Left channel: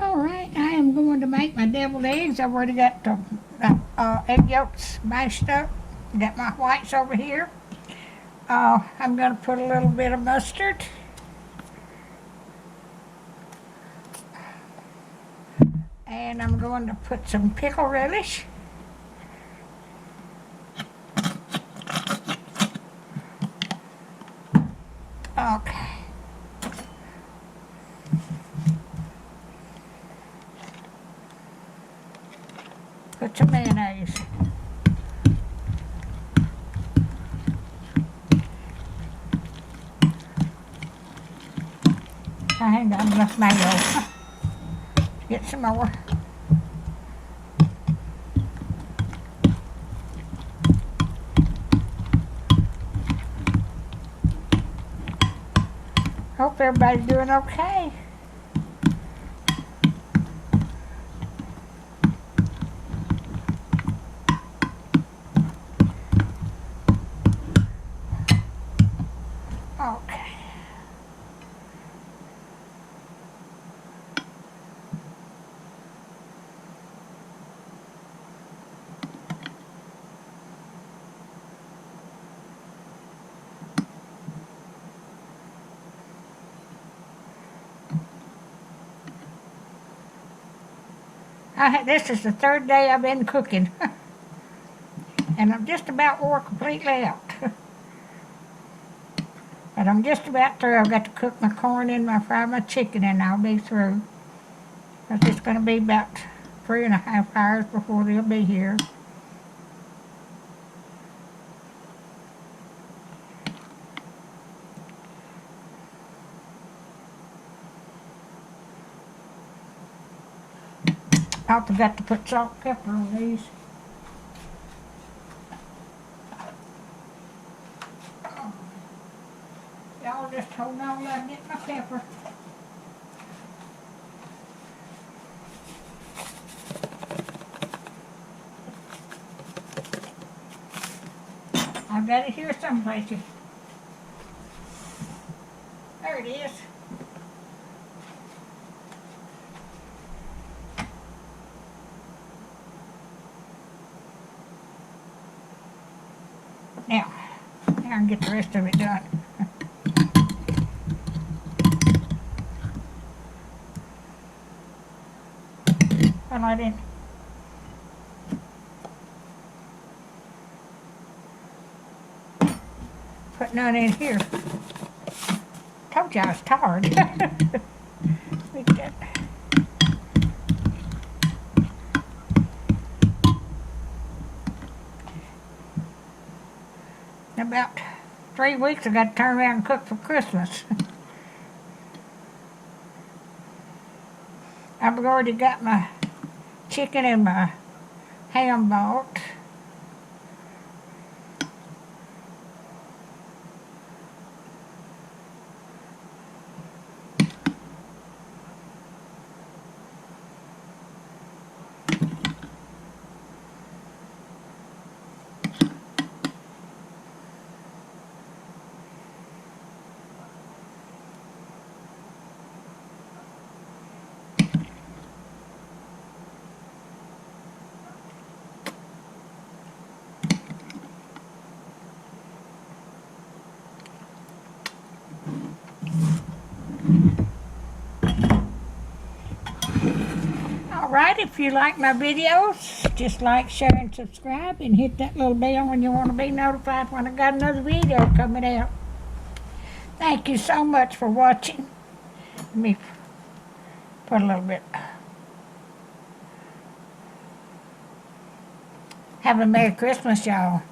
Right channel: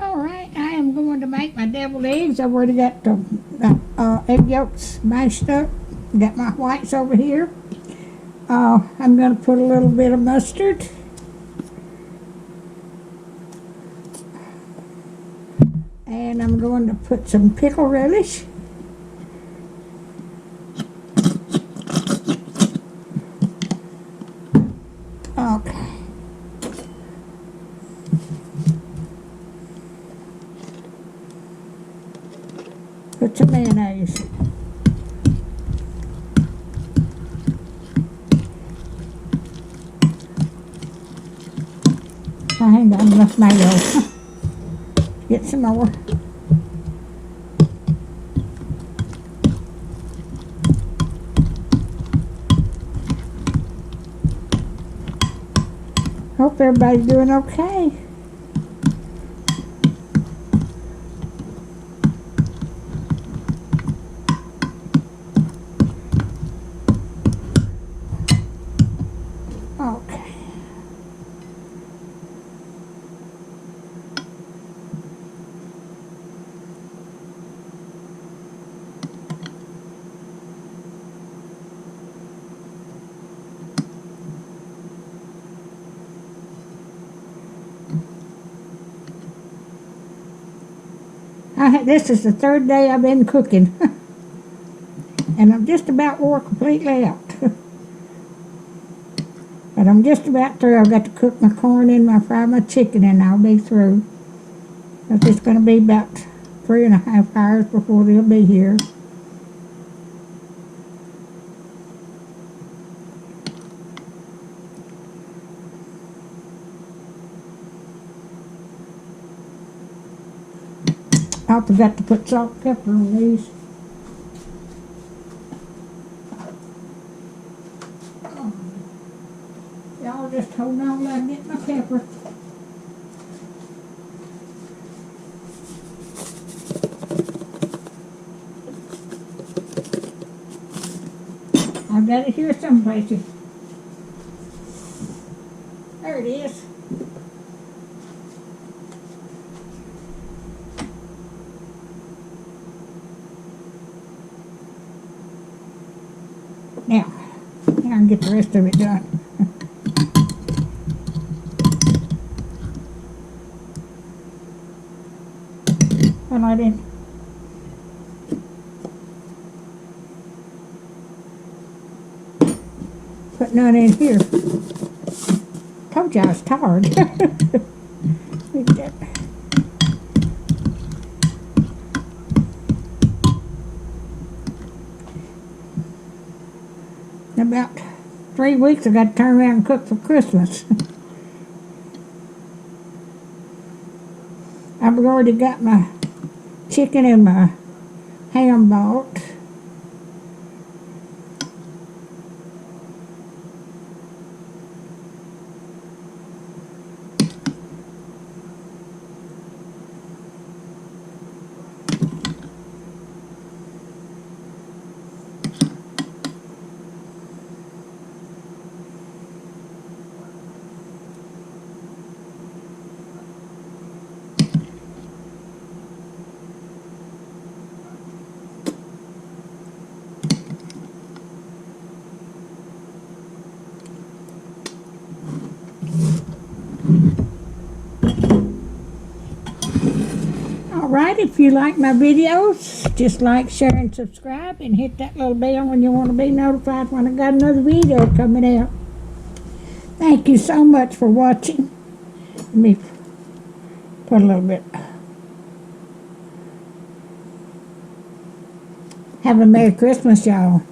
Alright, I am going to make my deviled eggs. I've already got the egg yolks mashed up. Got my whites over here. I'm going to put a little bit of mustard. And I'm going to put some pickle relish. Okay. Put some mayonnaise. I ain't got enough mayo. Get some more. Hope everybody's doing okay. Okay. This is the third day I've been cooking. And I'm just about wore completely out. But I'm just about through. I've got to cook my corn and fry my chicken, and I'll be through. It's just going to be about 3.5 hours before they'll be here. I forgot to put salt and pepper on these. Y'all just hold on while I get my pepper. I've got it here some places. There it is. Now I can get the rest of it done. Well, I didn't. Put none in here. Told you I was tired. In about 3 weeks I got to turn around and cook for Christmas. I've already got my chicken and my ham bought. Alright, if you like my videos, just like, share, and subscribe, and hit that little bell when you want to be notified when I got another video coming out. Thank you so much for watching. Let me put a little bit. Have a Merry Christmas, y'all.